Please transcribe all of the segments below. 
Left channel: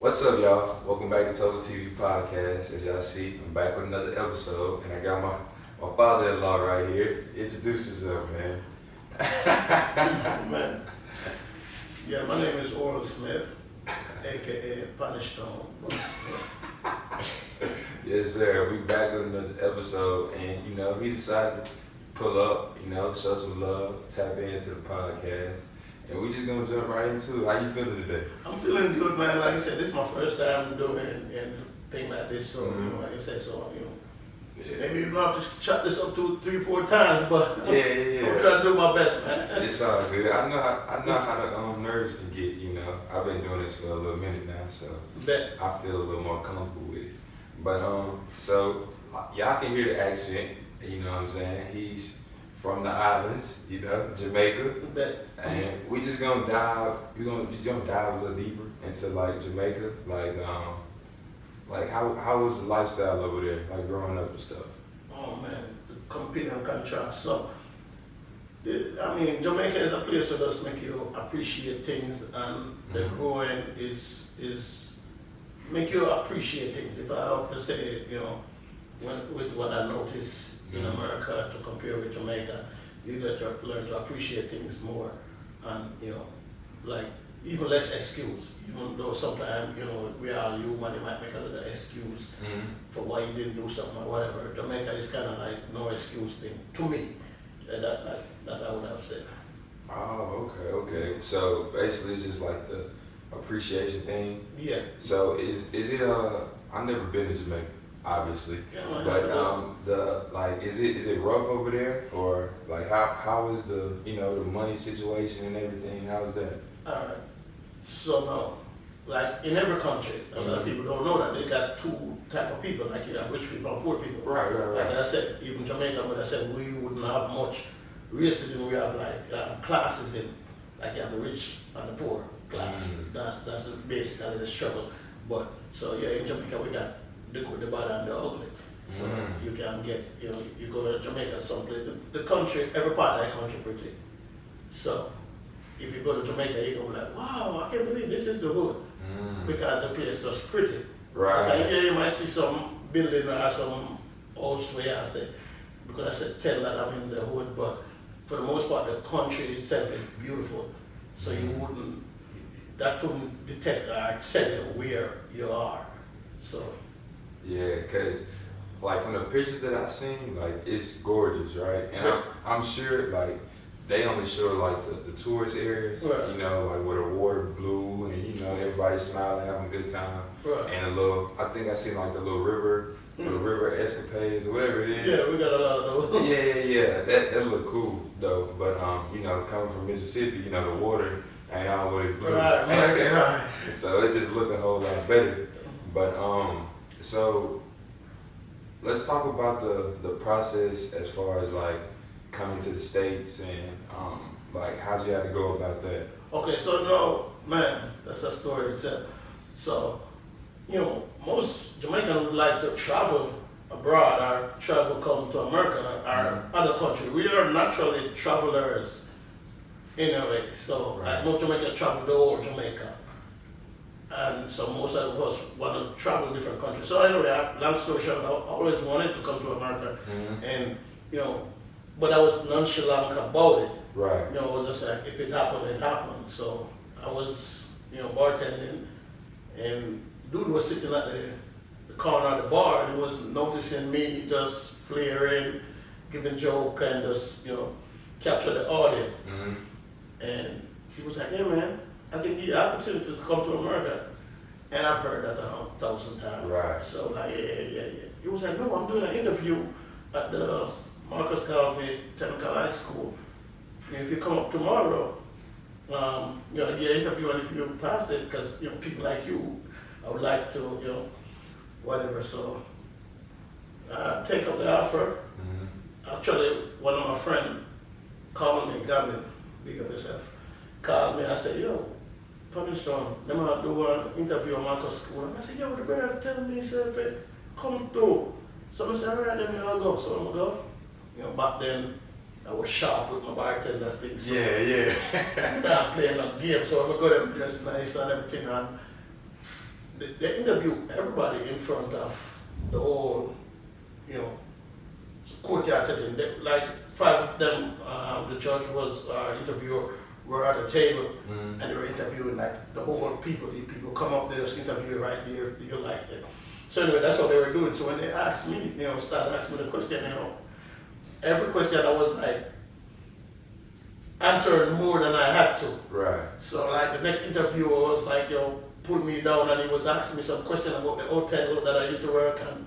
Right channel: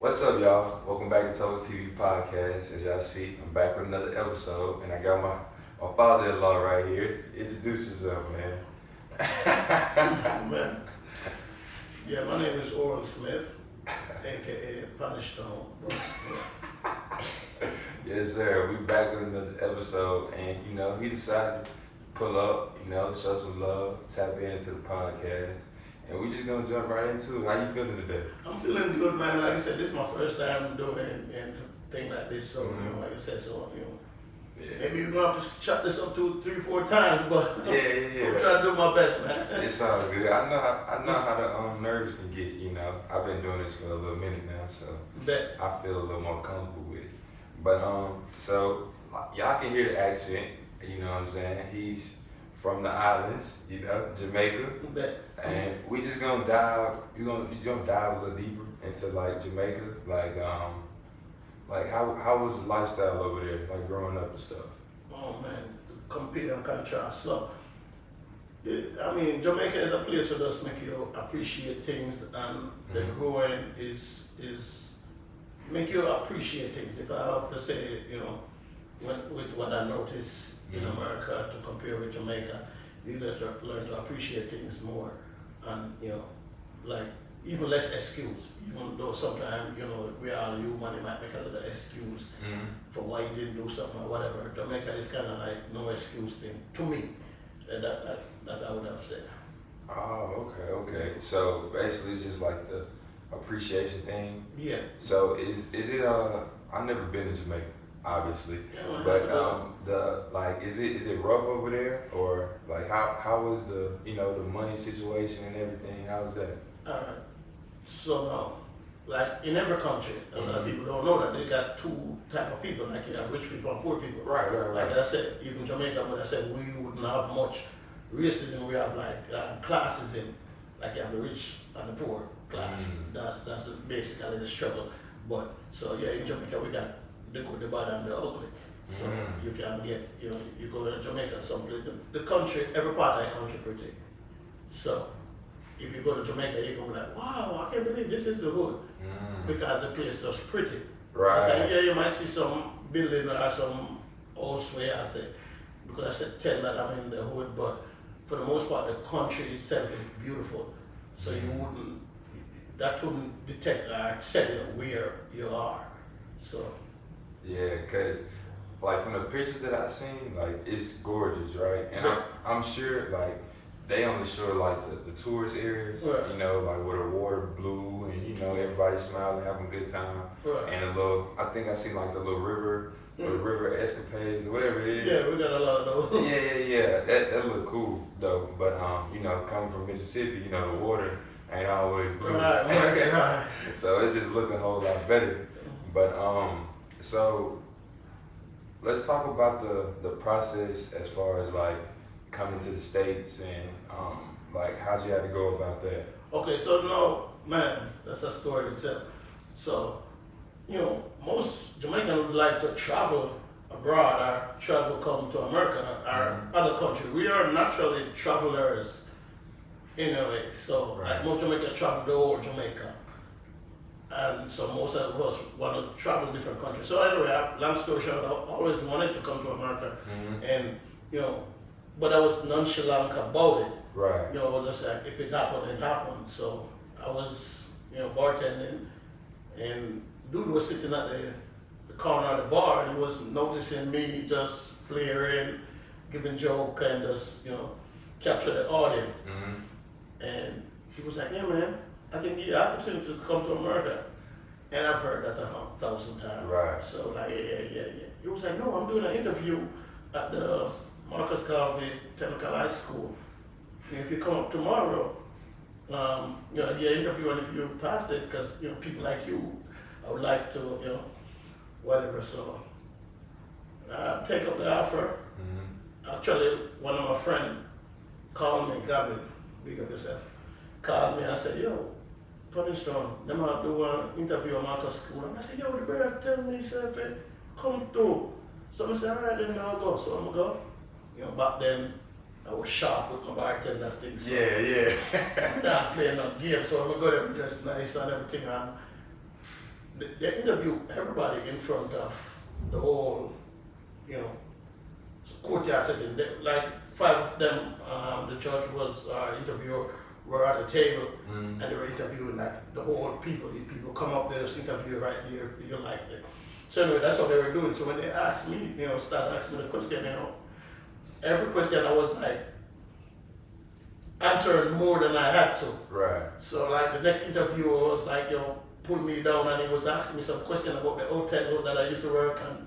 What's up, y'all? Welcome back to TopherTvPodcast. As y'all see, I'm back with another episode, and I got my father-in-law right here. Introduce yourself, man. Man, yeah, my name is Oral Smith, aka Punish Stone. Yes, sir. We back with another episode, and he decided to pull up, show some love, tap into the podcast, and we just gonna jump right into it. How you feeling today? I'm feeling good, man. Like I said, this is my first time doing anything like this, so like I said, Yeah. maybe we're gonna have to chop this up 2, 3, 4 times, but Yeah. I'm trying to do my best, man. It's all good. I know how the nerves can get. I've been doing this for a little minute now, so Bet. I feel a little more comfortable with it. But so y'all can hear the accent. You know what I'm saying? He's from the islands, Jamaica, Bet. and we just gonna dive. Just gonna dive a little deeper into like Jamaica, like how was the lifestyle over there, like growing up and stuff. Oh man, to compare and contrast. So, Jamaica is a place that does make you appreciate things, and the growing is make you appreciate things. If I have to say, with what I notice in America to compare with Jamaica, you learn to appreciate things more, and like even less excuse. Even though sometimes we are human, you might make a little excuse for why you didn't do something or whatever. Jamaica is kind of like no excuse thing to me. That I would have said. Oh, okay. So basically, it's just like the appreciation thing. Yeah. So is it I've never been to Jamaica, obviously, Yeah, but is it rough over there, or like how is the the money situation and everything? How is that? Alright. So now, like in every country, a lot of people don't know that they got two type of people. Like you have rich people and poor people. Right. Like I said, even Jamaica, when I said we wouldn't have much racism, we have like classes in, like you have the rich and the poor class. That's basically the struggle. But so yeah, in Jamaica we got the good, the bad, and the ugly. So you can get, you go to Jamaica someplace, the country, every part of the country pretty. So if you go to Jamaica, you're gonna be like, wow, I can't believe this is the hood, because the place is pretty. Right. So yeah, you might see some building or some house where I say, because I said tell that I'm in the hood, but for the most part, the country itself is beautiful. So that wouldn't detect or tell you where you are. So. Yeah, cause like from the pictures that I've seen, like it's gorgeous, right? And I'm sure like they only show like the tourist areas, right. Like where the water blue and everybody smiling, having a good time, right. And I think I seen like the little river, or the river escapades or whatever it is. Yeah, we got a lot of those. Yeah. That look cool though, but coming from Mississippi, the water ain't always blue. Right. So it just look a whole lot better. But so let's talk about the process as far as like coming to the States and like how'd you have to go about that? Okay, so now, man, that's a story itself. So, most Jamaicans would like to travel abroad or come to America or other country. We are naturally travelers in a way. So like most Jamaicans travel the whole Jamaica. And so most of us want to travel different countries. So anyway, long story short, I always wanted to come to America, and but I was nonchalant about it. Right. I was just like, if it happened, it happened. So I was, bartending, and dude was sitting at the corner of the bar, and he was noticing me just flaring, giving joke, and just capture the audience. And he was like, "Hey man, I can give you opportunity to come to America." And I've heard that 1,000 times. Right. So like, yeah. He was like, "No, I'm doing an interview at the Marcus Garvey Technical High School. And if you come up tomorrow, I get an interview, and if you pass it, because people like you, I would like to, whatever." So I take up the offer. Actually, one of my friends called me, Gavin, big up yourself, called me. I said, "Yo, Punish Stone, let me do an interview at Marcus School." And I said, "Yo, the brother tell me, sir, come through." So I said, "All right, then I'll go." So I'm going to go. Back then, I was sharp with my bartender things. So Yeah. I'm playing a game, so I'm going to go there dressed nice and everything. And they interview everybody in front of the whole, courtyard setting. Like 5 of them, the judge was interviewer were at the table, and they were interviewing like the whole people. If people come up there, just interview right there. You like it. So anyway, that's what they were doing. So when they asked me, started asking me the question, every question I was like answering more than I had to. Right. So like the next interviewer was like, pulled me down and he was asking me some question about the hotel that I used to work and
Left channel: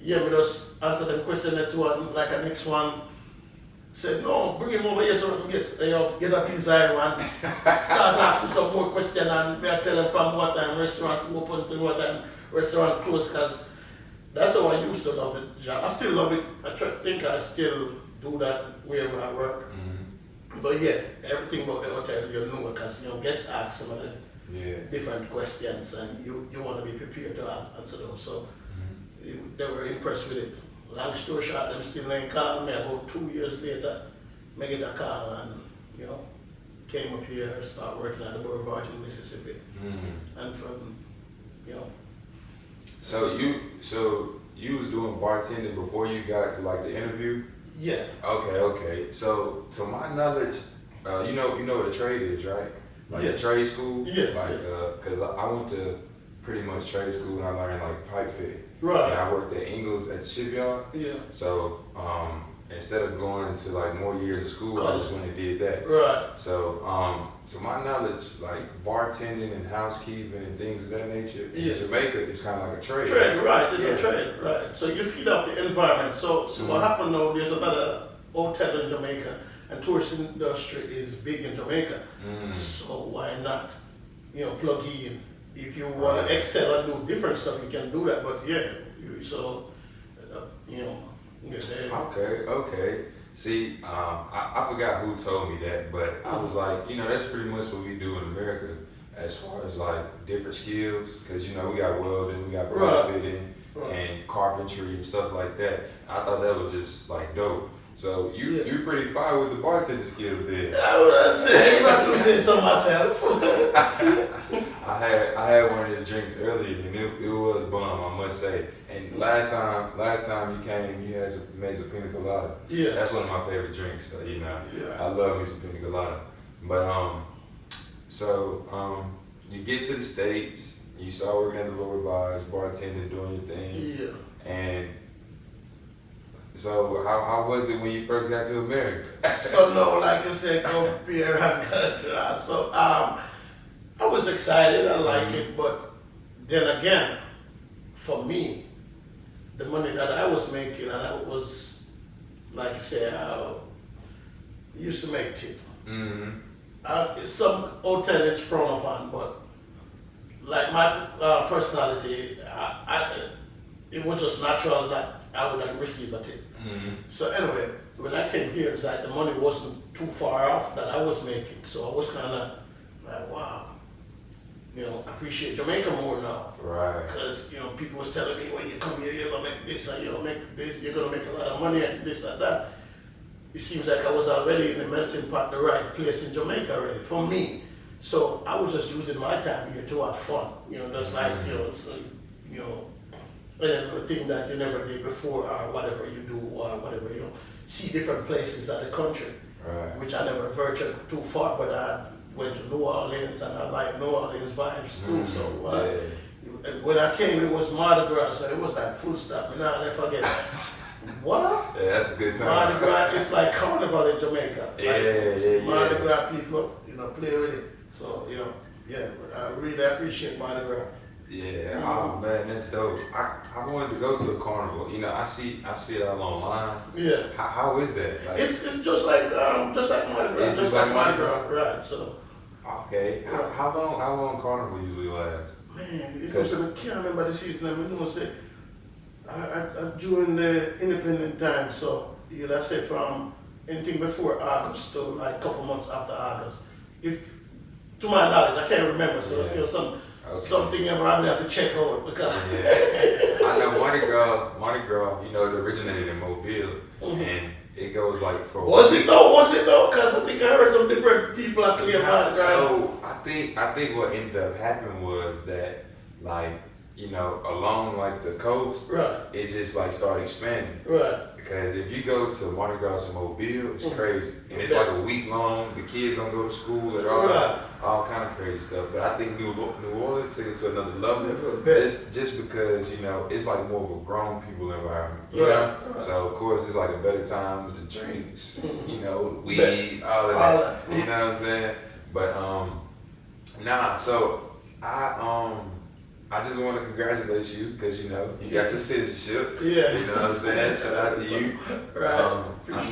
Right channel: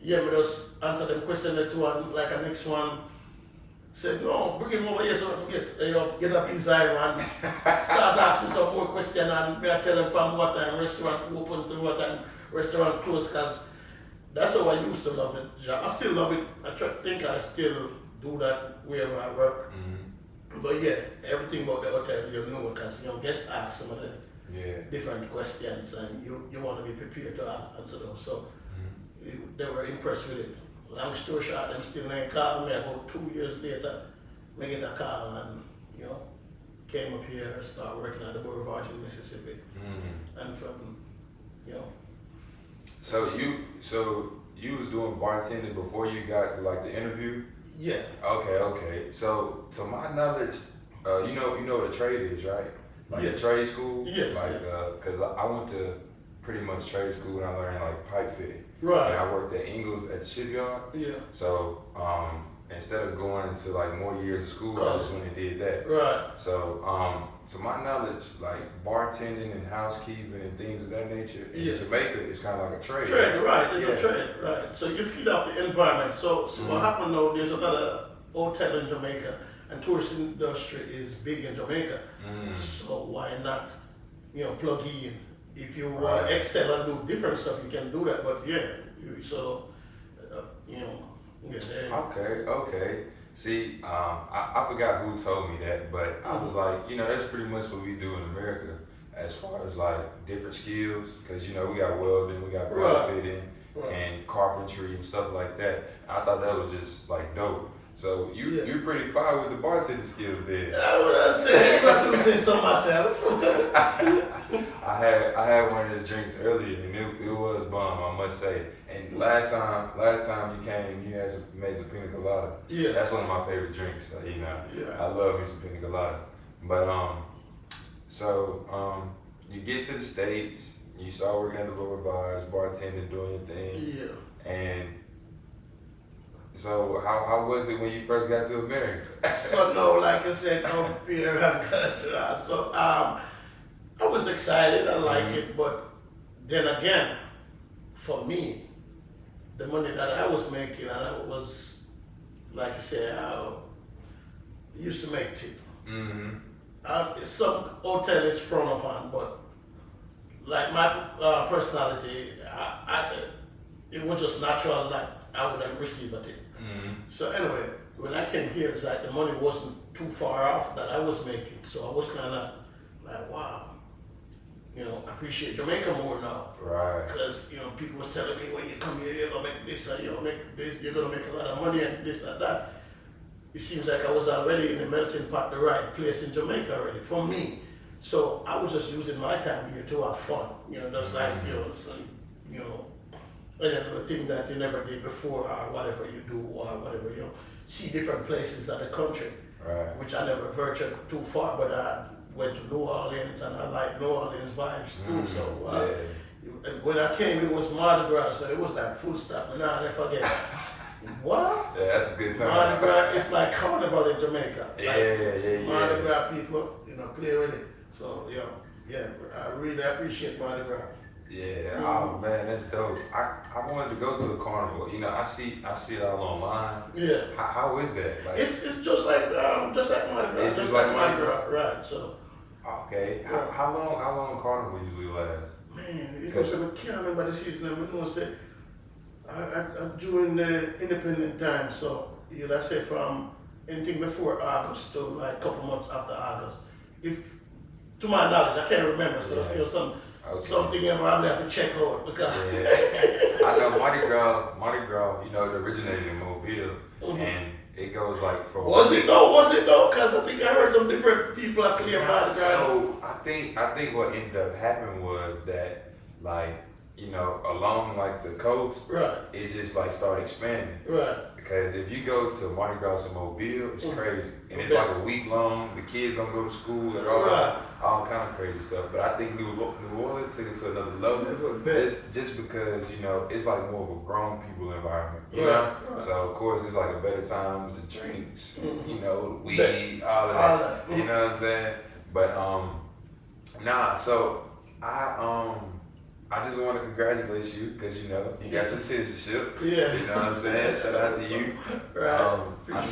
me just answer them question or two and like the next one said, no, bring him over here so we can get up his eye and start asking some more question and me I tell him from what time restaurant open to what time restaurant closed, because that's how I used to love the job. I still love it. I think I still do that wherever I work. Mm-hmm. But yeah, everything about the hotel you know, because guests ask some of the different questions and you want to be prepared to answer those. So they were impressed with it. Long story short, them still ain't called me. About 2 years later, I get a call and came up here, start working at the Boulevard in Mississippi, and from So you was doing bartending before you got like the interview? Yeah. Okay. So to my knowledge, you know what a trade is, right? Like a trade school. Yes. Cause I went to pretty much trade school and I learned like pipe fitting. Right. And I worked at Ingles at the shipyard. Yeah. So instead of going to like more years of school, I just went and did that. Right. So to my knowledge, like bartending and housekeeping and things of that nature in Jamaica, it's kind of like a trade. Trade, right? It's a trade, right? So you feed off the environment. So what happened though? There's another hotel in Jamaica, and tourist industry is big in Jamaica. So why not, plug in? If you want to excel and do different stuff, you can do that. But Okay. See, I forgot who told me that, but I was like, that's pretty much what we do in America as far as like different skills, because we got welding, we got pipe fitting, and carpentry and stuff like that. I thought that was just like dope. So you're pretty fine with the bartending skills then. I said, if I could say so myself. I had one of his drinks earlier and it was bomb, I must say. And last time you came, you made some pina colada. Yeah. That's one of my favorite drinks. So, I love me some pina colada. But you get to the States, you start working at the Boulevards, bartending, doing your thing. Yeah. And so how was it when you first got to America? So no, like I said, come here and so I was excited, I like it, but then again, for me, the money that I was making, and I was, like I said, I used to make tip. Some hotel is frowned upon, but like my personality, it was just natural that I would like receive a tip. So anyway, when I came here, it's like the money wasn't too far off that I was making. So I was kind of like, wow, appreciate Jamaica more now. Right. Because, people was telling me, when you come here, you're going to make this, and you're going to make this, you're going to make a lot of money, and this and that. It seems like I was already in the melting pot, the right place in Jamaica already, for me. So I was just using my time here to have fun, just like, another thing that you never did before, or whatever you do, or whatever, see different places of the country, which I never ventured too far, but I went to New Orleans and I like New Orleans vibes too. So when I came, it was Mardi Gras, so it was like full stop, and I never forget. What? Yeah, that's a good time. Mardi Gras, it's like carnival in Jamaica. Mardi Gras people, play with it. So, I really appreciate Mardi Gras. Yeah, oh man, that's dope. I wanted to go to a carnival. I see it all online. Yeah. How is that? Like, it's just like Mardi Gras. It's just like Mardi Gras. Right. So. Okay. How long carnival usually lasts? Man, because I can't remember the season. I'm gonna say during the independent time. So I say from anything before August to like a couple months after August. If to my knowledge, I can't remember. So something you probably have to check out because I know Mardi Gras, it originated in Mobile, and it goes like for Was it though? Because I think I heard some different people claim Mardi Gras. So I think what ended up happening was that like, you know, along like the coast, Right. it just like started expanding. Right. Because if you go to Mardi Gras in Mobile, it's crazy. And it's like a week long. The kids don't go to school at all. Right. All kind of crazy stuff. But I think New Orleans took it to another level. Just because, you know, it's like more of a grown people environment. You know? Right. So, of course, it's like a better time with the drinks, you know, weed, all of that. You know what I'm saying? But, so I just want to congratulate you because, you know, you got your citizenship. Yeah. You know what I'm saying? Shout out to you. Right. I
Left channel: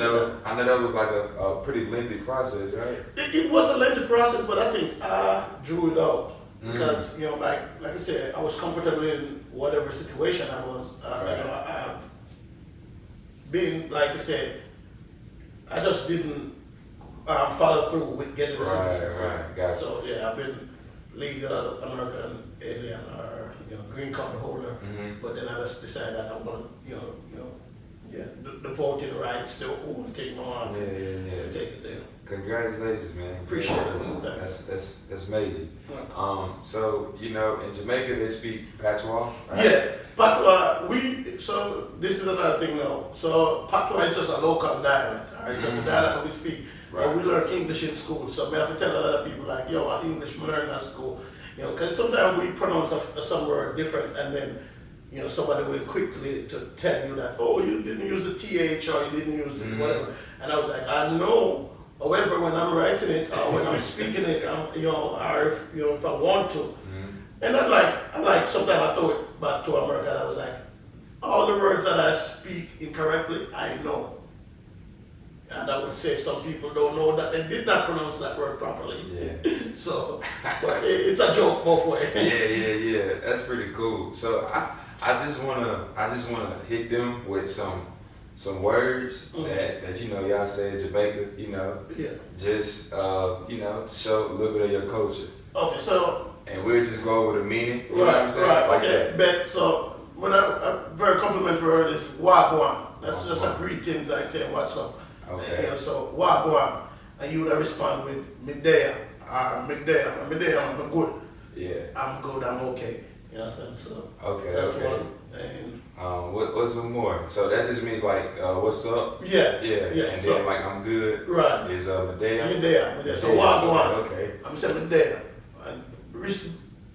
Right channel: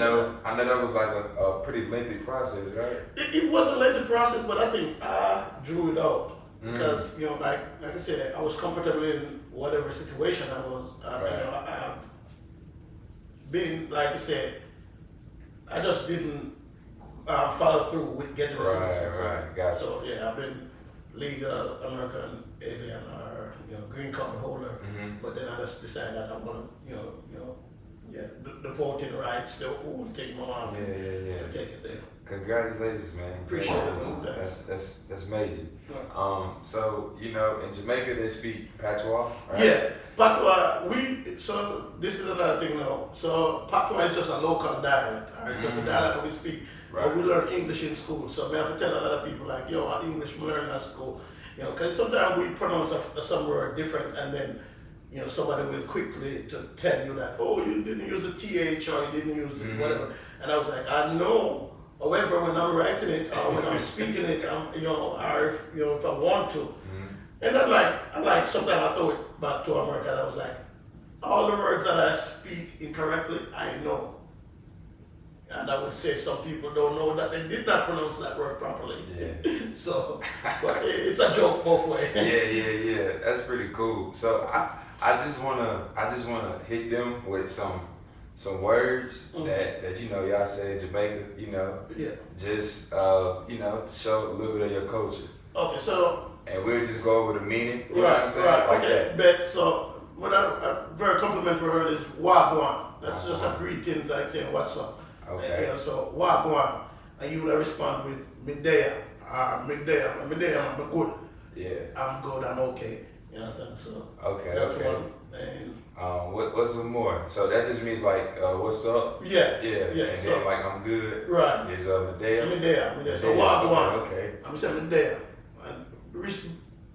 know that was like a pretty lengthy process, right? It was a lengthy process, but I think I drew it out because, you know, like I said, I was comfortable in whatever situation I was. Right. You know, I've been, like I said, I just didn't follow through with getting the citizenship. Right, gotcha. So, yeah, I've been legal American alien or, you know, green card holder, but then I just decided that I want to, you know, the voting rights, the whole thing on. Yeah. To take it there. Congratulations, man. Appreciate it. That's major. Yeah. So, you know, in Jamaica they speak Patois, right? Yeah, Patois. So this is another thing now. So Patois is just a local dialect. It's just a dialect we speak. Right. But we learn English in school. So I have to tell a lot of people like, yo, English we learn at school. You know, because sometimes we pronounce some word different, and then, you know, somebody will quickly to tell you that, oh, you didn't use the TH or you didn't use whatever. And I was like, I know. However, when I'm writing it or when I'm speaking it, you know, or if I want to, and I like sometimes I throw it back to America. And I was like, all the words that I speak incorrectly, I know. And I would say some people don't know that they did not pronounce that word properly. Yeah. So, but it's a joke both ways. Yeah. That's pretty cool. So I just wanna hit them with some words that you know y'all say in Jamaica. You know. Yeah. Just you know, show a little bit of your culture. Okay, so. And we'll just go over the meaning. You know what I'm saying? Right. Like okay. that. But so, what a very complimentary word is wagwan. That's just a greetings. I'd say what's up. Okay. You know, so wagwan, and you would respond with midday, midday, I'm good. Yeah. I'm good. I'm okay. You know what I'm saying? So. Okay. That's okay. one. And what's some more? So that just means like what's up? Yeah. And so, then like I'm good. Right. Is midday. Midday. So wagwan. Okay. I'm saying midday. And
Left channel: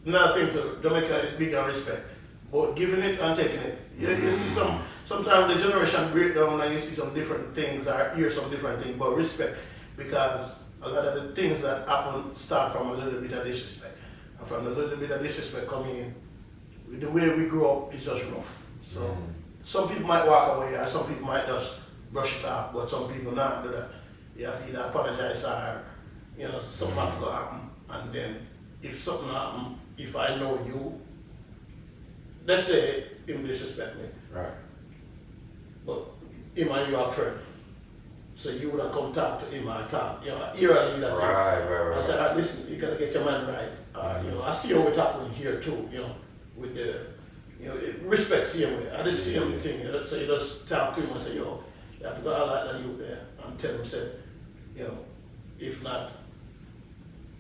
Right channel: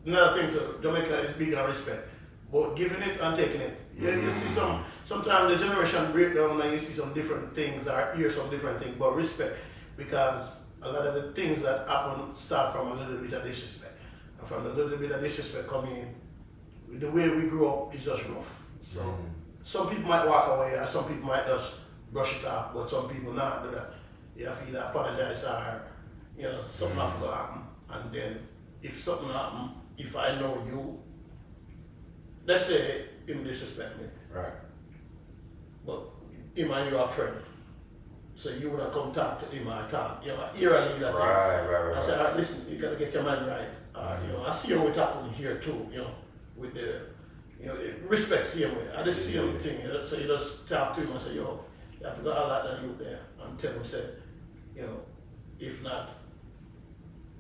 another thing to Jamaica is big on respect, but giving it and taking it. You see sometimes the generation break down and you see some different things or hear some different things, but respect, because a lot of the things that happen start from a little bit of disrespect, and from a little bit of disrespect coming in, the way we grew up is just rough. So some people might walk away, or some people might just brush it off, but some people not do that. You have to either apologize or, you know, something have to happen, and then if something happen, if I know you, let's say him disrespect me. Right. But him and you are friends. So you would have come talk to him or talk, you know, eerily that Right. I said, listen, you gotta get your mind right. You know, I see how it's happening here too, you know, with the, you know, respect same way. I just see him thing, you know, so you just talk to him and say, yo, I forgot all that you there, and tell him, say, you know, if not,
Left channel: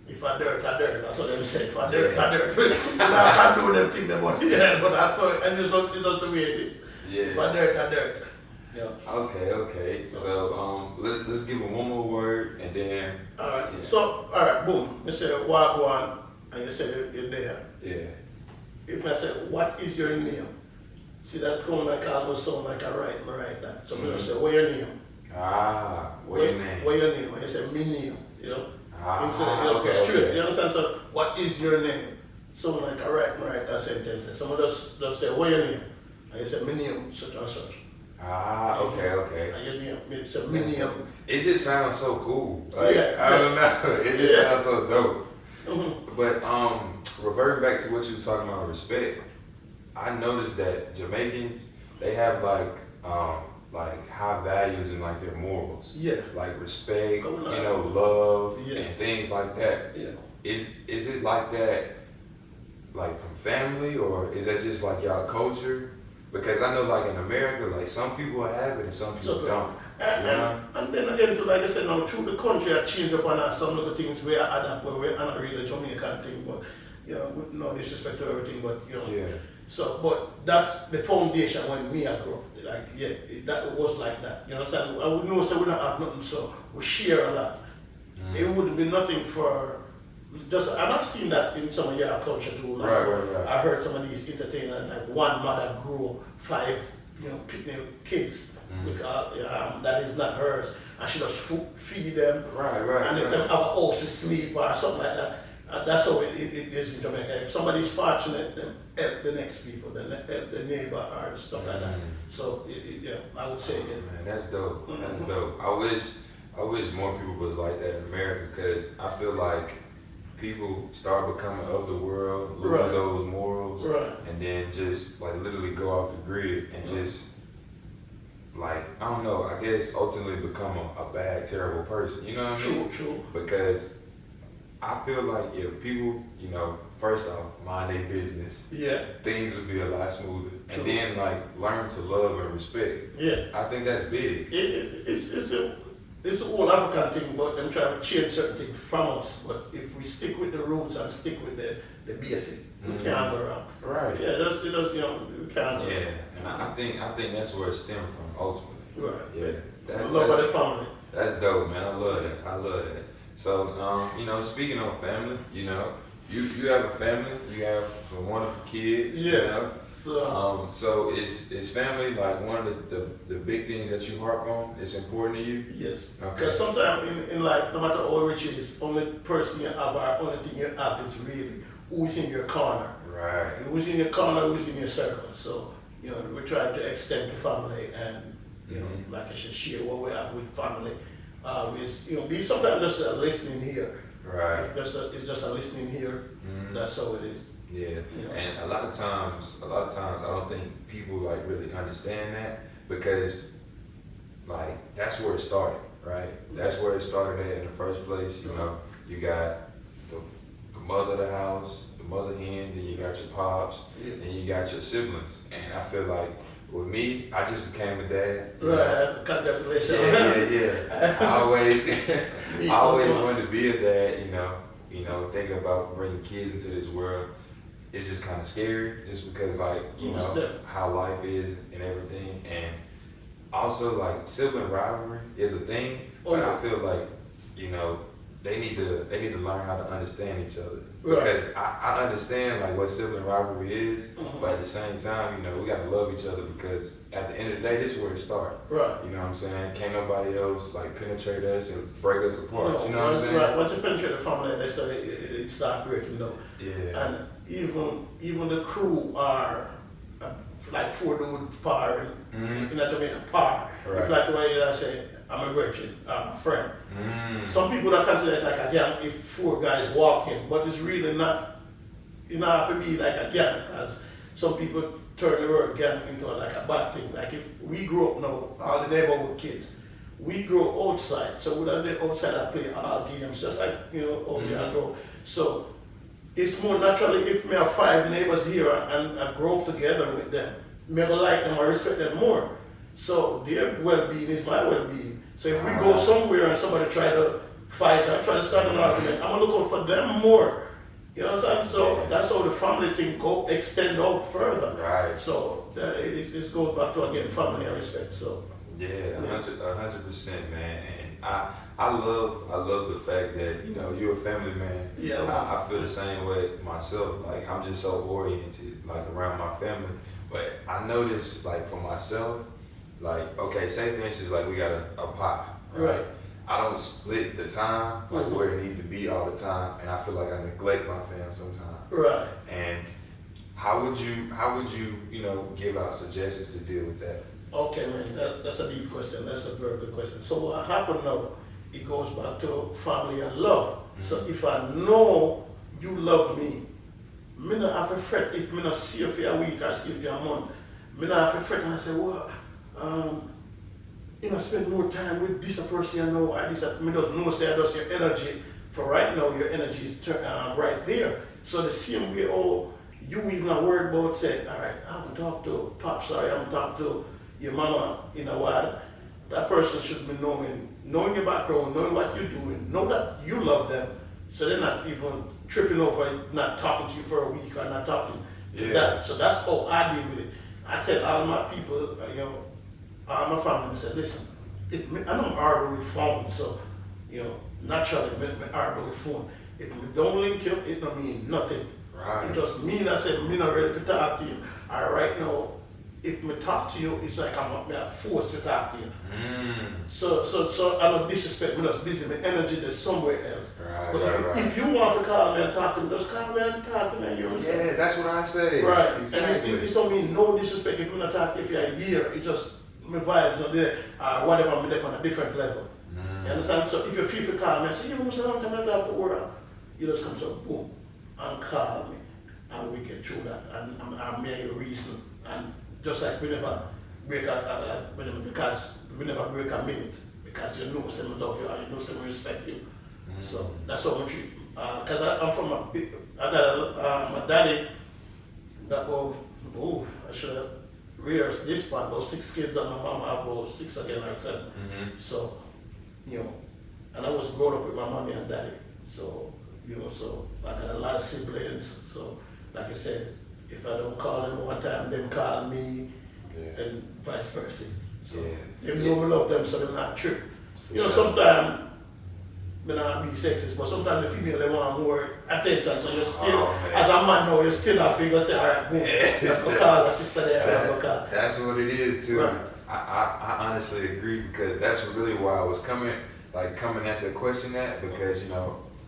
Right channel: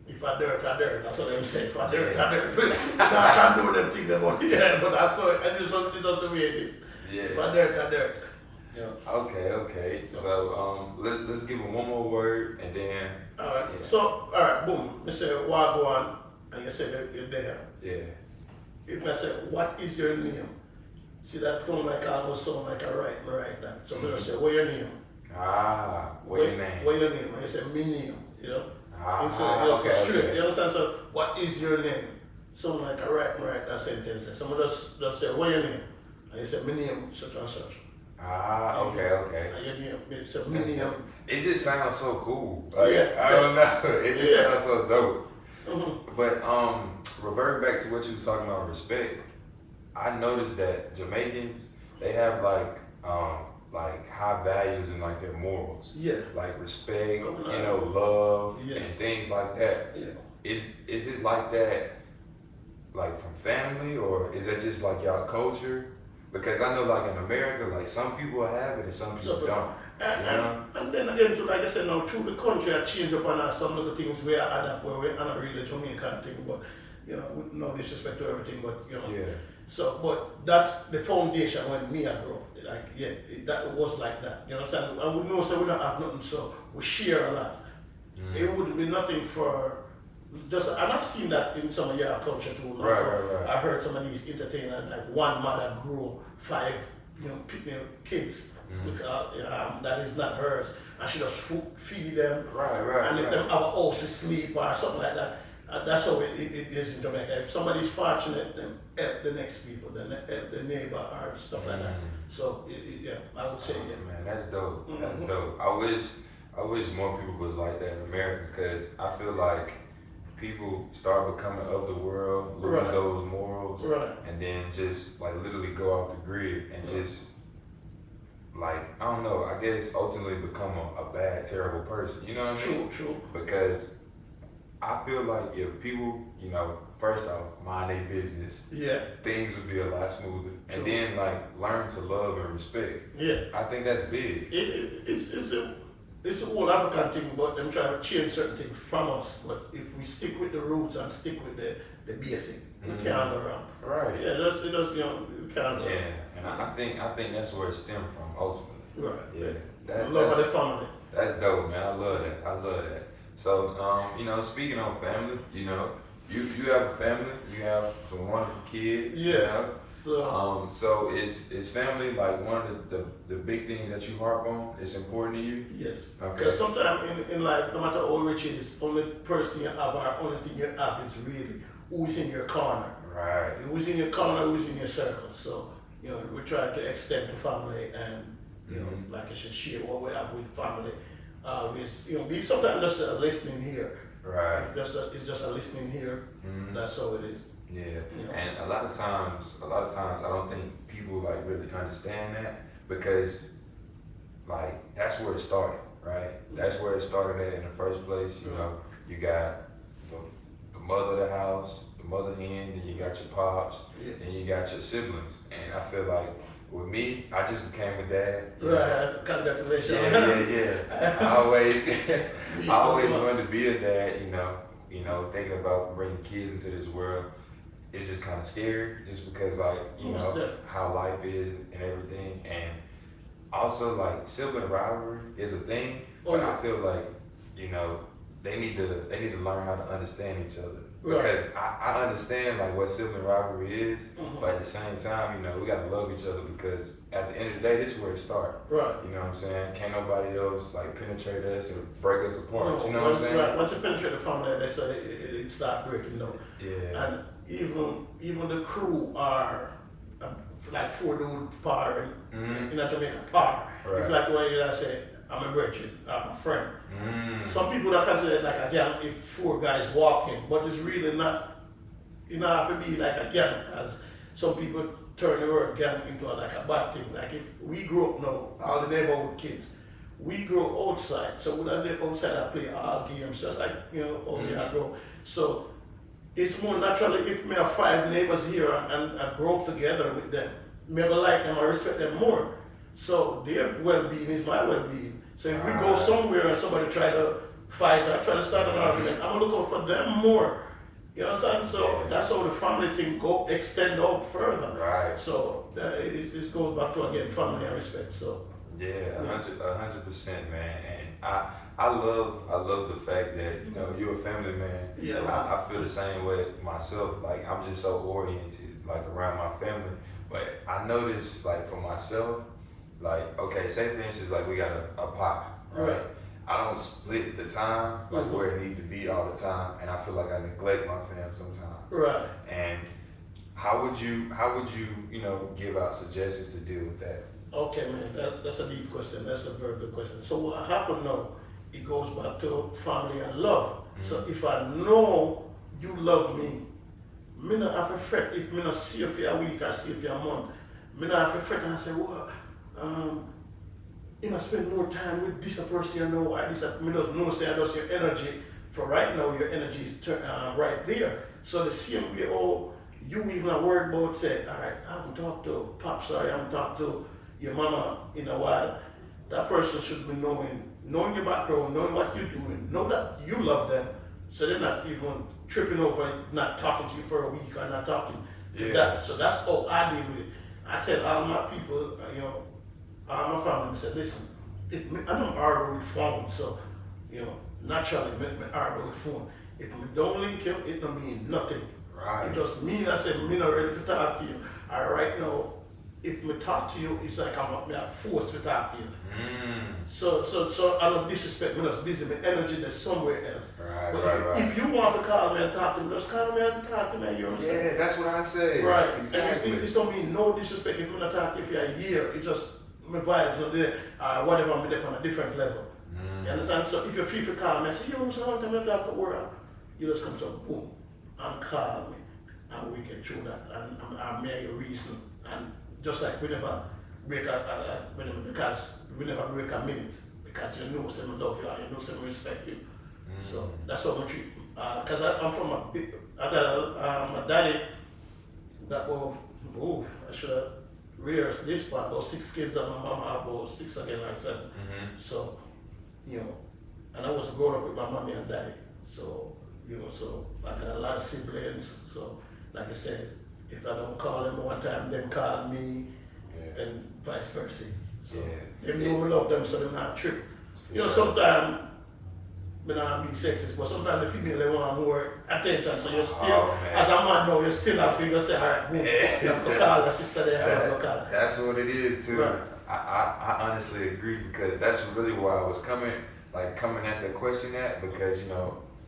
if I dirt, I dirt. That's what I'm saying. If I dirt, I dirt. I can't do them things about it, but that's how, and it's just the way it is. Yeah. If I dirt, I dirt. Yeah. Okay. So let's give him one more word and then. All right. Yeah. So all right, boom. You say wagwan, and you say you're there. Yeah. If I say what is your name, see that come like almost sound like a right that. So I say what your name. What your name? What your name? And you say me name. You know. Okay. Straight. You understand? So what is your name? Someone like a right that sentence. Someone just say what your name, and you say me name such and such. Okay. And your name, it's a me name. It just sounds so cool. Like, Yeah. I don't know. It just sounds so dope. Mm-hmm. But reverting back to what you was talking about respect, I noticed that Jamaicans, they have like high values and like their morals. Yeah. Like respect, you know, love and Yes. things like that. Yeah. Is it like that like from family, or is that just like y'all culture? Because I know like in America, like some people have it and some people don't. And then again, too, like I said, now through the country, I change up on some little things where I adapt, where we're not really Jamaican thing, but with no disrespect to everything, but Yeah. So, but that's the foundation when me I grew up. Like, that was like that. You know what I'm saying? I would know, so we don't have nothing, so we share a lot. It wouldn't be nothing for just, and I've seen that in some of your culture too. Like, Right. I heard some of these entertainers, like one mother grew 5, kids with that is not hers, and she just feed them. Right. And if them have a house to sleep or something like that, that's how it is in Jamaica. If somebody's fortunate, then help the next people, then help the neighbor or stuff like that. So I would say Man, that's dope. That's dope. I wish more people was like that in America, because I feel like people start becoming of the world, lose those morals, and then just like literally go off the grid and just like, I don't know, I guess ultimately become a bad, terrible person. You know what I mean? True. Because I feel like if people, first off, mind their business, things would be a lot smoother. And then like learn to love and respect. Yeah. I think that's big. It's a whole African thing, but them trying to change certain things from us. But if we stick with the roots and stick with the basic, we can't go around. Right. Yeah, we can't go around. Yeah, and I think that's where it stemmed from ultimately. Right. Yeah. Love of the family. That's dope, man. I love that. So, speaking of family, you have a family, you have some wonderful kids. Yeah. So is family like one of the big things that you harp on? It's important to you? Yes. Okay. Because sometimes in life, no matter how rich it is, only person you have or only thing you have is really who is in your corner. Right. Who's in your corner, who's in your circle. So, we try to extend the family and, like I said, share what we have with family. Be sometimes just a listening here. Right. It's just a listening here. That's how it is. Yeah. And a lot of times I don't think people like really understand that, because like that's where it started, right? That's where it started at in the first place. You got the mother of the house, the mother hen, then you got your pops, and you got your siblings. And I feel like with me, I just became a dad. Right, congratulations. Yeah. I always wanted to be a dad, thinking about bringing kids into this world. It's just kind of scary, just because like, how life is and everything. And also like sibling rivalry is a thing, but I feel like, they need to learn how to understand each other. Because I understand like what sibling rivalry is, but at the same time, we gotta love each other, because at the end of the day, this is where it starts. Right. You know what I'm saying? Can't nobody else like penetrate us or break us apart. You know what I'm saying? Right. Once you penetrate the family, they say it starts breaking down. Yeah. And even the crew are like 4 dude par in a Jamaican par. Right. It's like the way I say, I'm a virgin, I'm a friend. Some people that consider it like a gang if 4 guys walk in, but it's really not. You don't have to be like a gang, because some people turn the word gang into like a bad thing. Like if we grew up now, all the neighborhood kids, we grow outside, so we don't go outside and play all games, just like we all grow. So it's more naturally if we have 5 neighbors here and I grow up together with them, me I like them, I respect them more. So their well-being is my well-being. So if we go somewhere and somebody try to fight or try to start an argument, I'm gonna look out for them more. You know what I'm saying? So that's how the family thing extend out further. Right. So it goes back to again family and respect. So 100%, man. And I love the fact that you're a family man. Yeah. I feel the same way myself. Like I'm just so oriented like around my family. But I noticed like for myself, like, okay, say for instance, like we got a pie, right? I don't split the time like where it needs to be all the time, and I feel like I neglect my fam sometimes. Right. And how would you give out suggestions to deal with that? Okay, man, that's a deep question. That's a very good question. So what happened now? It goes back to family and love. So if I know you love me, me not have to fret if me not see you for a week or see you for a month. Me not have to fret and say, well, spend more time with this person you know, or this, me just know say just your energy, for right now your energy is right there. So the same way, you even not worried about say, all right, I haven't talked to Pops, or I haven't talked to your mama in a while. That person should be knowing your background, knowing what you're doing, know that you love them, so they're not even tripping over not talking to you for a week or not talking to Yeah. that. So that's how I deal with it. I tell all my people, all my family, I said, listen, I don't argue with phone, so, naturally, I argue with phone. If we don't link you, it don't mean nothing. Right. It just mean I said, me not ready to talk to you. All right now, if me talk to you, it's like I'm forced to talk to you. So I don't disrespect me, just busy, my energy there's somewhere else. Right, But if you want to call me and talk to me, just call me and talk to me, you understand? Yeah, that's what I say. Right. Exactly. And it don't mean no disrespect if I'm not talking to you for a year, it just my vibes are there, whatever, I'm there on a different level. You understand? So if you feel to call me and say, I'm talking to the world, you just come so boom, and call me, and we get through that, and I'm mere your reason. And just like we never break because we never break a minute, because you know someone love you and you know someone respect you. So that's how we treat. Because I'm from I got my daddy that was, I should have rehearsed this part, about 6 kids, and my mom had about 6 again or 7. So, and I was growing up with my mommy and daddy. So, so I got a lot of siblings. So, like I said, if I don't call them one time, them call me, and vice versa. So they know we love them, so they're not true. Sometimes, I not be sexist, but sometimes the female, they want more attention, so you're still, as a man now, you're still a figure, say, all right, boom, you have to call a sister there, That's what it is, too. Right. I honestly agree, because that's really why I was coming at the question because,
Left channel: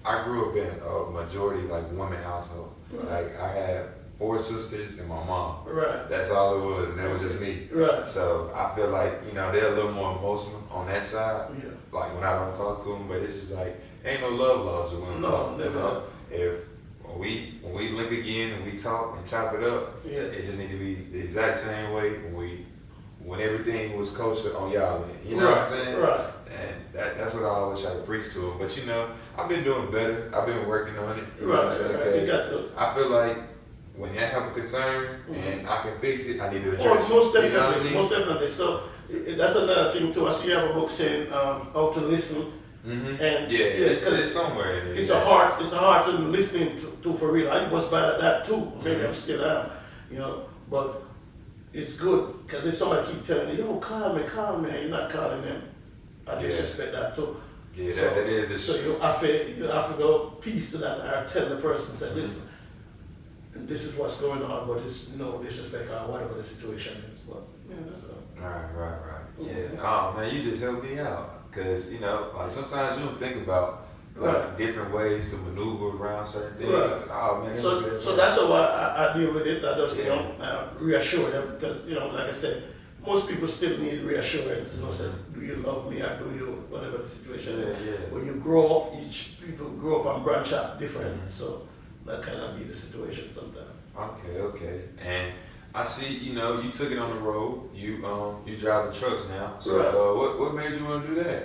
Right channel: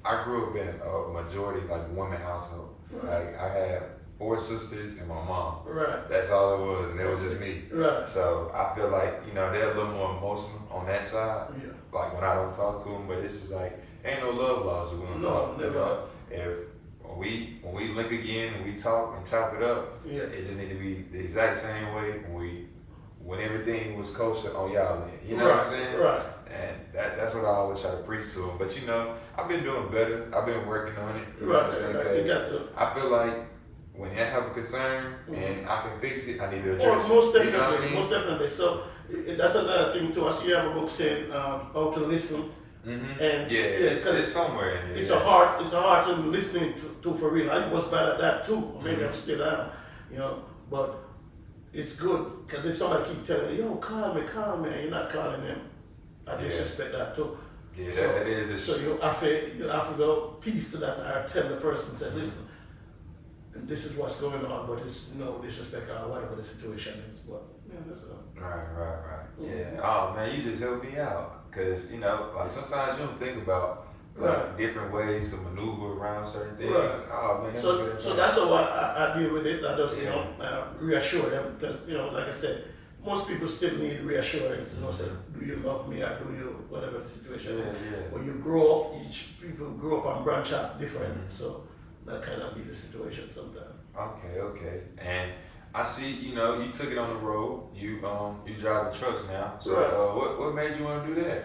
I grew up in a majority, woman household. Right. Like, I had 4 sisters and my mom. Right. That's all it was, and it was just me. Right. So I feel like, they're a little more emotional on that side. Yeah. Like when I don't talk to them, but it's just like, ain't no love lost when we talk. Never. If when we link again and we talk and chop it up, it just need to be the exact same way when everything was kosher on y'all end. You know what I'm saying? Right. And that's what I always try to preach to them. But I've been doing better. I've been working on it. You know what I'm saying? Because I feel like when you have a concern and I can fix it, I need to address it. Most definitely. You know what I mean? Most definitely. So that's another thing too. I see you have a book saying how to listen. And it's somewhere in there. It's a hard thing listening to for real. I was bad at that too. Maybe I'm still am, but it's good because if somebody keep telling you, yo, call me, and you're not calling them, I disrespect that too. Yeah, so, that is the so you have to go piece to that or tell the person, say, listen, and this is what's going on, but it's no disrespect or whatever the situation is. But that's all. Right. Yeah. Oh man, you just helped me out. Cause sometimes you don't think about different ways to maneuver around certain things. Right. Oh man, so that's how I deal with it. I just reassure them because like I said, most people still need reassurance. Say, do you love me or do you whatever the situation is. When you grow up, each people grow up and branch out different. So that kind of be the situation sometimes. Okay. And I see, you took it on the road. You drive the trucks now. So what made you want to do that?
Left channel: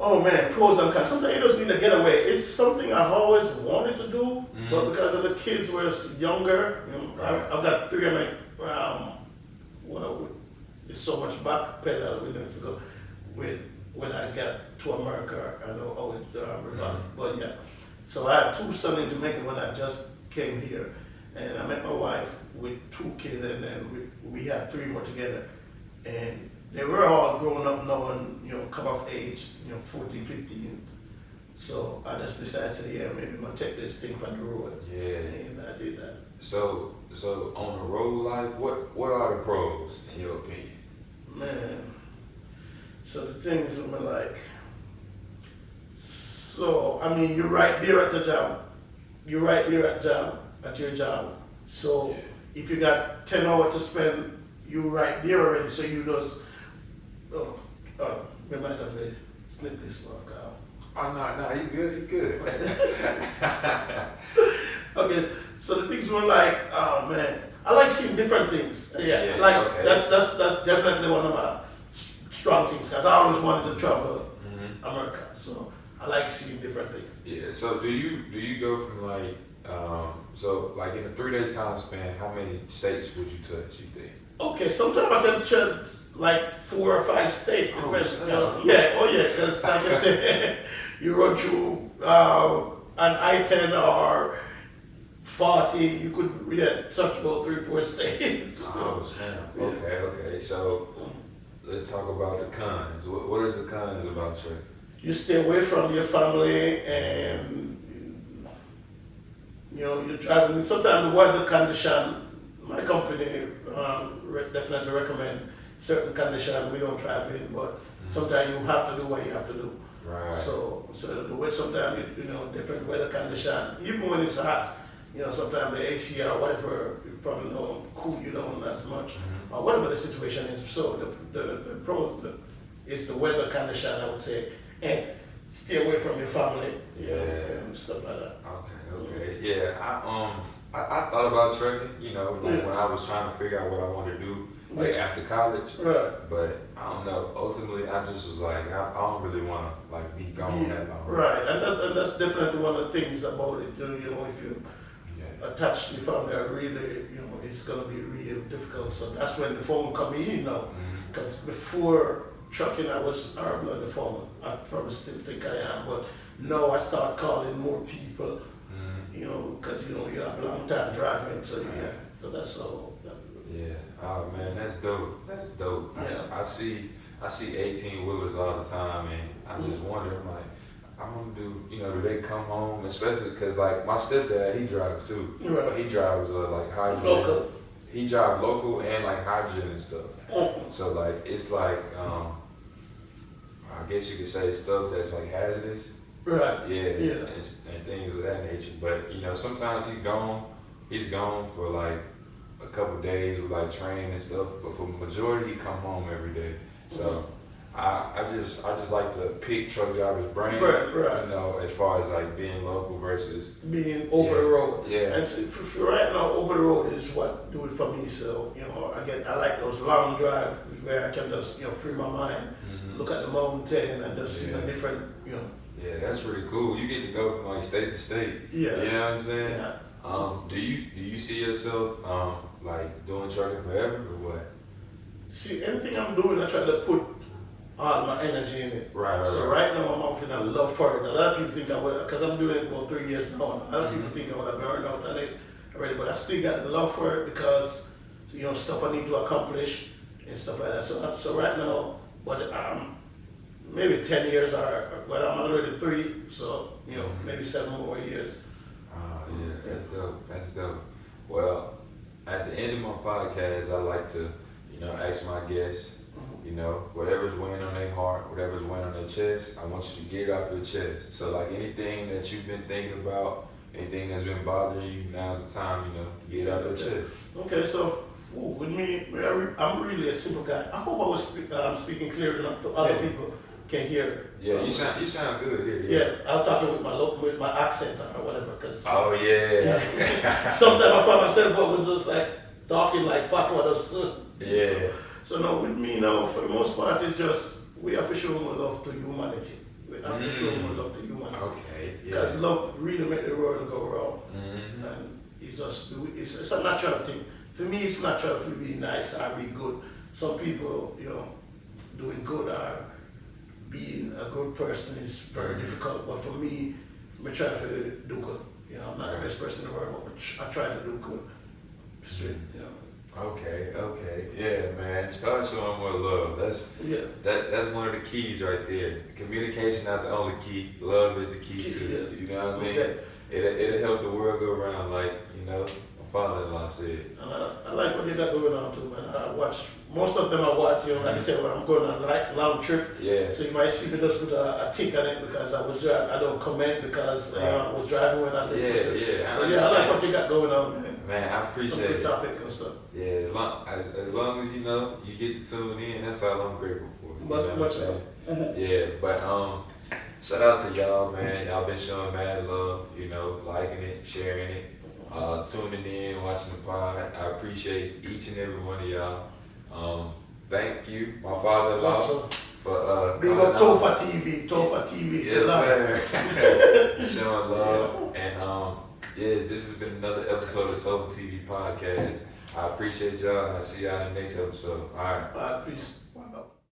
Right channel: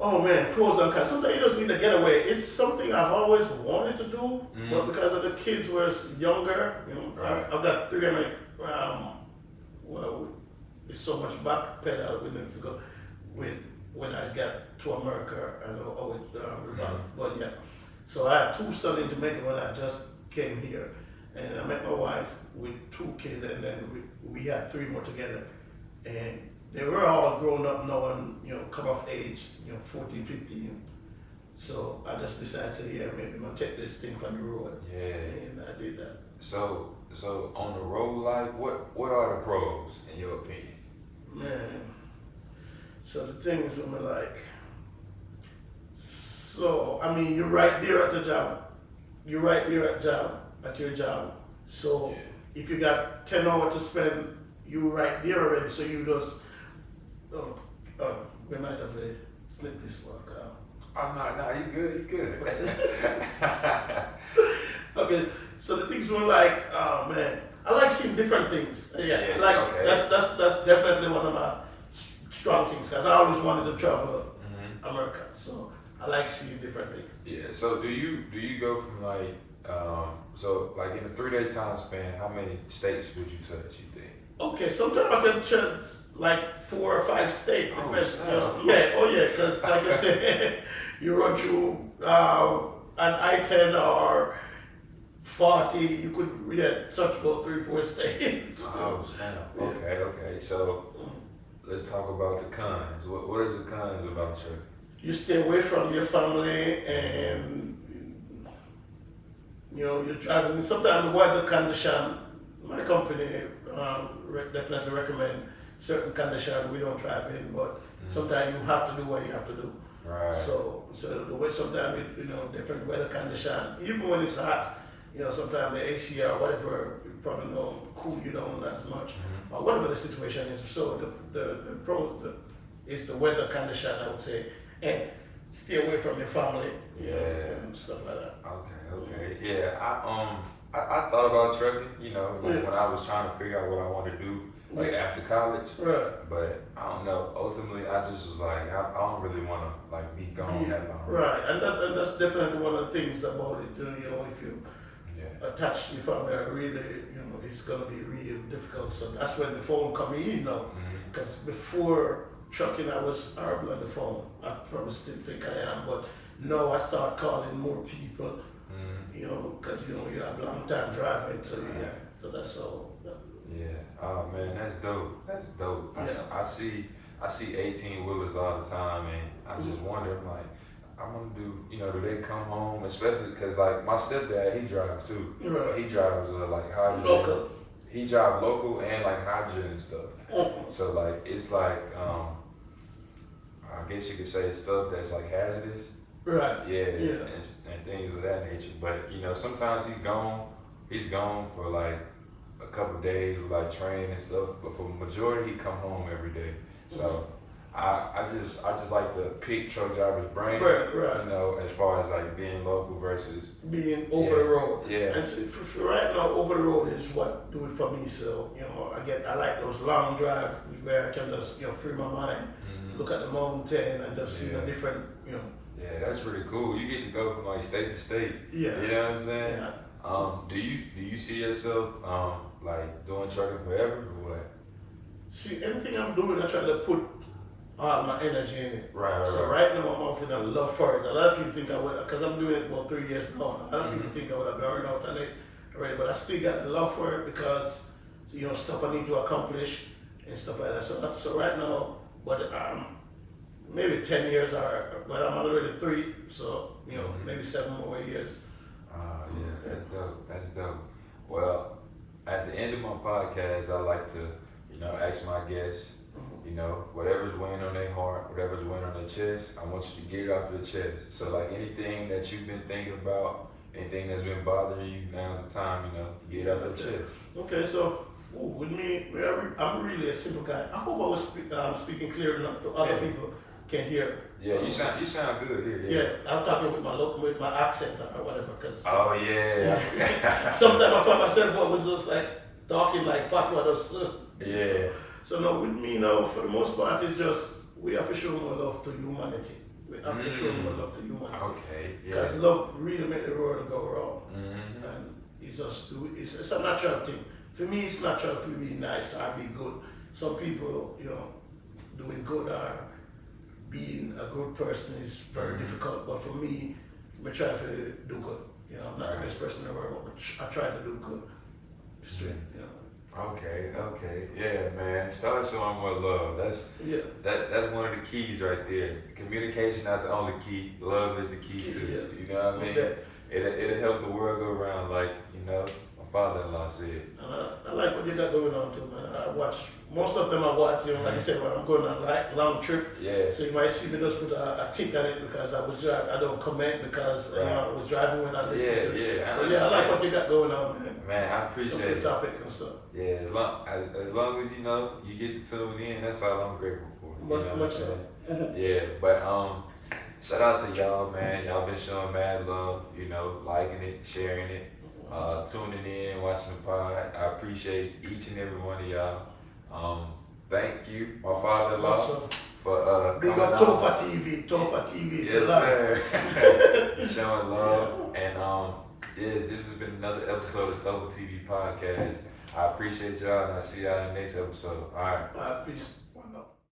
Oh man, pros and cons. Sometimes you just need a getaway. It's something I always wanted to do, but because of the kids were younger, I've got 3 of my, it's so much back pedal with when I got to America and always revive. But yeah, so I had 2 sons in Jamaica when I just came here. And I met my wife with 2 kids, and then we had 3 more together. And they were all grown up now and, come of age, 14, 15. So I just decided to say, maybe I'm going to take this thing on the road. Yeah. And I did that. So on the road life, what are the pros, in your opinion? Man, so the things I'm like, so, I mean, you're right there at the job. You're right there at your job. So if you got 10 hours to spend, you right there already. So you just, we might have to snip this work out. Oh, no, you good. Okay, so the things were like, oh man, I like seeing different things. That's definitely one of my strong things because I always wanted to travel America. So I like seeing different things. Yeah. So do you go from in a 3-day time span, how many states would you touch? You think? Okay, sometimes I can touch like 4 or 5 states. Because like I said, you run through an I-10 or 40, you could touch about 3-4 states. Oh, snap. Okay. So let's talk about the cons. What is the cons about trucking? You stay away from your family, and you're driving. Sometimes the weather condition, my company definitely recommend certain conditions we don't drive in, but sometimes you have to do what you have to do. Right. So the way sometimes different weather condition, even when it's hot, sometimes the AC or whatever, you probably don't cool you down as much, or whatever the situation is. So the pro is the weather condition, I would say, and stay away from your family, and stuff like that. Okay. Yeah, I thought about trucking, like when I was trying to figure out what I wanted to do, like after college. Right. But I don't know. Ultimately, I just was like, I don't really want to like be gone that long. Right, and that's definitely one of the things about it. If you attach to your family, really, it's gonna be real difficult. So that's when the phone come in now. Because before trucking, I was horrible on the phone. I probably still think I am, but now I start calling more people. Because you have a long time driving, so so that's all. Yeah. Oh man, that's dope. Yeah. I see 18-wheelers all the time, and I just wonder, like, I want to do, do they come home, especially because like my stepdad, he drives too, Right. but he drives like hydrogen. Local. He drives local and like hydrogen and stuff. So like it's like I guess you could say stuff that's like hazardous. Right. Yeah. And things of that nature. But sometimes he's gone for like a couple of days with like training and stuff. But for the majority, he come home every day. So I just like to pick truck drivers' brain. Right. As far as like being local versus being over the road. Yeah. And so for right now, over the road is what do it for me. So I like those long drives where I can just free my mind, look at the mountain, and just see different Yeah, that's pretty cool. You get to go from like state to state. Yeah. You know what I'm saying? Yeah. Do you see yourself like doing trucking forever or what? See, anything I'm doing, I try to put all my energy in it. Right. So right now I'm out in a love for it. A lot of people think I would, because I'm doing it about 3 years now. A lot of people think I would have burned out on it already, but I still got the love for it because stuff I need to accomplish and stuff like that. So right now, but maybe 10 years I'm already 3, so maybe 7 more years. Yeah, that's dope. Well, at the end of my podcast, I like to, ask my guests, whatever's weighing on their heart, whatever's weighing on their chest, I want you to get it off your chest. So like anything that you've been thinking about, anything that's been bothering you, now's the time, get it off your chest. Okay, so with me, I'm really a simple guy. I hope I was speaking clear enough so other people can hear. Yeah, you sound good here. Yeah, I'm talking with my accent or whatever. Cause oh yeah. Sometimes I find myself I was just like talking like patois. Yeah. So now with me now, for the most part, it's just we have to show more love to humanity. We have to show more love to humanity. Okay. Yeah. Because love really makes the world go wrong, and it's a natural thing. For me, it's natural to be nice or be good. Some people, doing good or being a good person is very difficult. But for me, I try to do good. I'm not the best person in the world, but I try to do good. Okay. Yeah, man. Start showing more love. That's one of the keys right there. Communication not the only key. Love is the key too. Yes. You know what I mean? Okay. It'll help the world go around, like my father-in-law said. And I like what you got going on too, man. I watch most of them. I watch, like I said, when I'm going on a long trip. Yeah. So you might see me just put a tick on it because I was driving. I don't comment because I was driving when I listen to it. I like what you got going on, man. Man, I appreciate some good it. topic and stuff. Yeah, as long as you get to tune in, that's all I'm grateful for. Much Yeah, but shout out to y'all, man. Y'all been showing mad love, liking it, sharing it, tuning in, watching the pod. I appreciate each and every one of y'all. Thank you, my father-in-law, for big up TopherTV. Yes, sir. Showing love. And yes, this has been another episode of TopherTvPodcast. I appreciate y'all, and I'll see y'all in the next episode. All right. Peace.